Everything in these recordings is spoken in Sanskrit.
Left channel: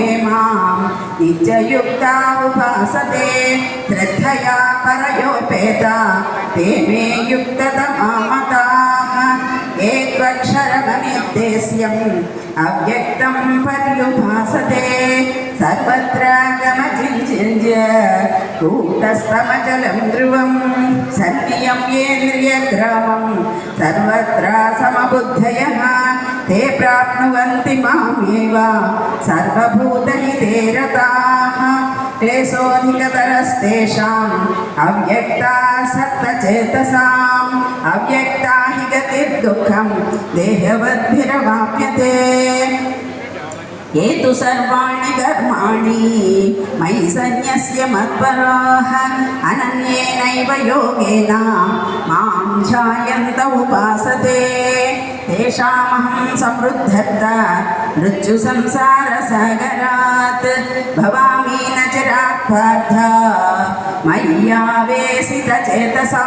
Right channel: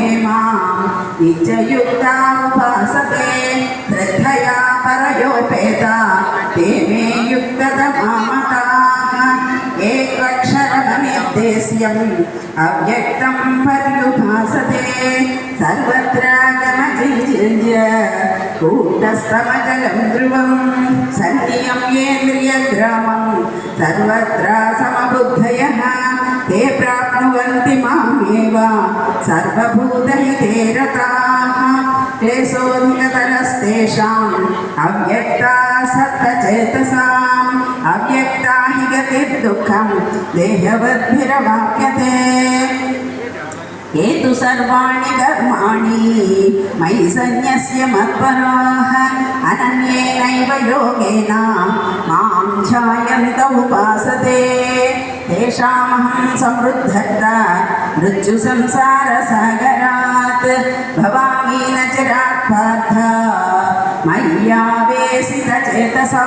ये मां नित्ययुक्ता उपासते श्रद्धया परयोपेता ते मे युक्ततमा मताः एकक्षरमनिर्देश्यम् अव्यक्तं पर्युपासते सर्वत्र गमचिञ्चिन्त्य कूटस्थमचलं ध्रुवं सन्नियम्येन्द्रियग्रामं सर्वत्र समबुद्धयः ते प्राप्नुवन्ति मामेव सर्वभूतहिते रताः क्लेशोऽधिकतरस्तेषाम् अव्यक्तासक्तचेतसाम् अव्यक्ता हि गतिर्दुःखं देहवद्भिरवाप्यते ये तु सर्वाणि कर्माणि मयि सन्न्यस्य मत्पराः अनन्येनैव योगेन मां ध्यायन्त उपासते तेषामहं समृद्धर्त मृत्युसंसारसागरात् भवामि न चिरात् पार्थ मय्यावेशितचेतसां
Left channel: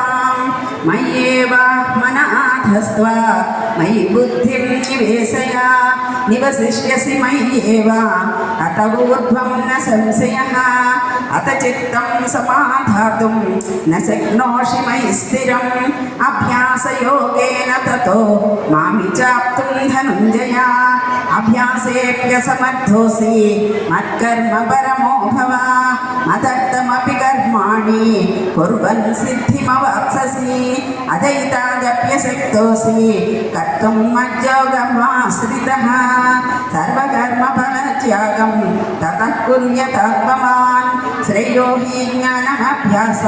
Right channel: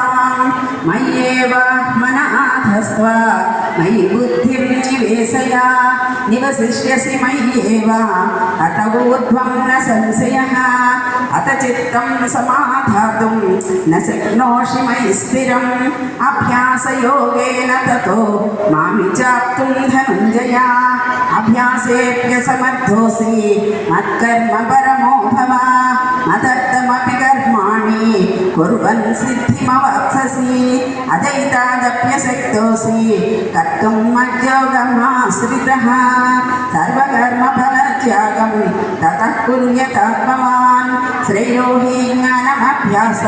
मय्येव मनाधस्त्व मयि बुद्धिं निवेशय निवसिष्यसि मय्येव अत ऊर्ध्वं न संशयः अत चित्तं समाधातुं न शक्नोषि मयि स्थिरम् अभ्यासयोगेन ततो मामि चाप्तुं धनञ्जय अभ्यासेऽप्यसमर्थोऽसि मत्कर्म परमो भव मदर्थमपि कर्माणि कुर्वन् सिद्धिमवाप्स्यसि अदैतादप्यशक्तोऽसि कर्तुं मज्योगमाश्रितः सर्वकर्मफलत्यागं ततः कुर्यात् भवान् श्रेयो हि ज्ञानमभ्यासः